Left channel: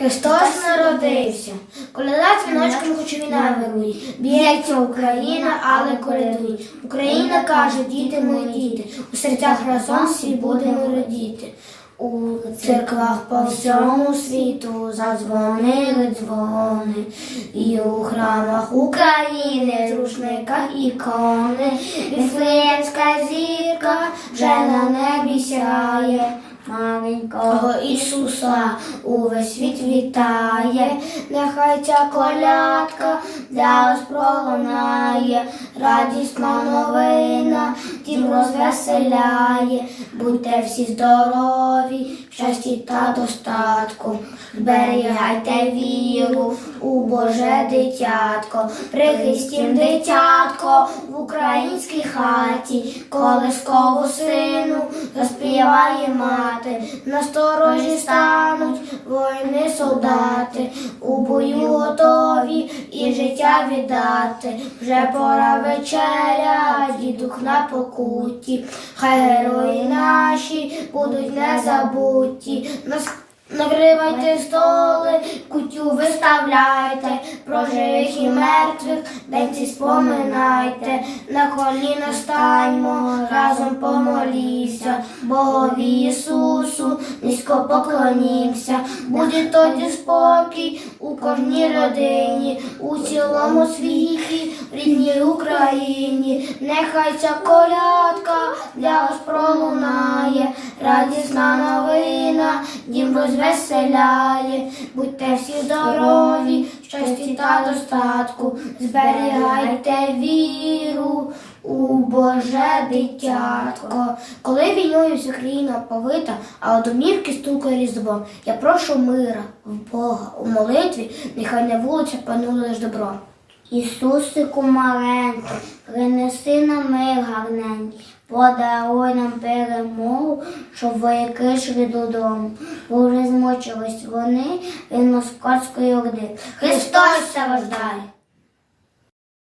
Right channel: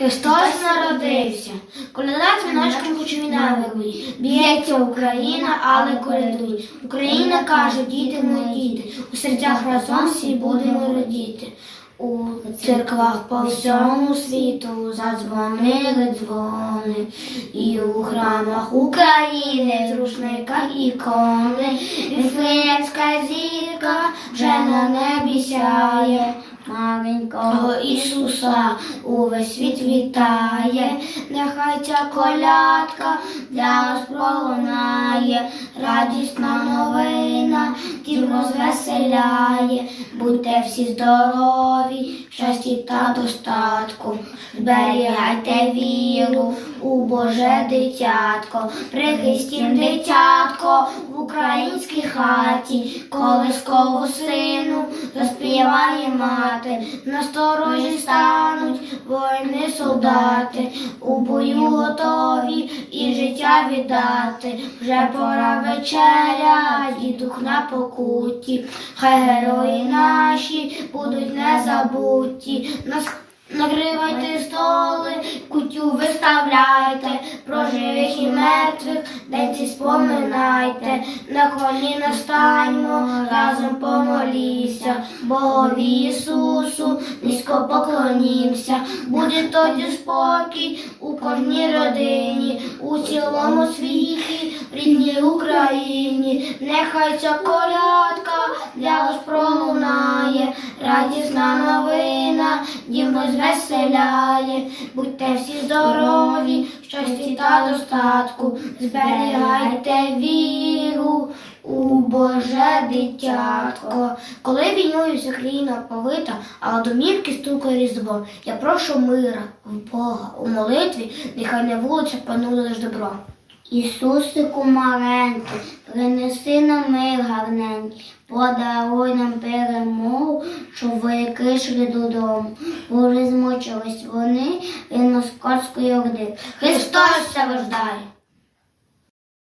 Христос народився, коляда дзвіночком кучові навели, б'ється Україна, але колядуй. Україна каже, діти мої діти, у серцях разом всі будемо родіти. У церквах по всьому світу задзвонили дзвони, і у храмах України, в рушниках ікони, Віфлеємська зірка вже на небі сяє. Маленького Ісуса увесь світ вітає, нехай ця колядка для вас пролунає, радісна новина, дім розвеселяє, будьте всі здорові, щасті та достатку, зберігайте віру у Боже дитятко, прихистім дитятко в українській хаті, колискову сину заспіває мати, насторожі стануть воїни солдати, у бою готові і життя віддати. Вже пора вечеря, дідух на покуті, хай герої наші будуть незабуті. Нас Накривайте столи, кутю виставляйте, про живих і мертвих денці споминайте, на коліна станьмо, разом помолімся, Богові Ісусу, низько поклонімся, буде тоді спокій у кожній родині, у цілому світі, в рідній Україні, нехай ця колядка для вас пролунає, радісна новина, дім розвеселяє, будьте всі здорові, щасті та достатку, зберігайте віру у Боже дитятко. Коли війною вся країна повита, а у домівки стукає різдво, я прошу мира в Бога у молитві, нехай на вулиця панує лиш добро. Ісусику маленький, принеси нам мир гарненький, подаруй нам перемогу, щоб вояки йшли додому. Вже змучились вони від московської орди. Христос страждає!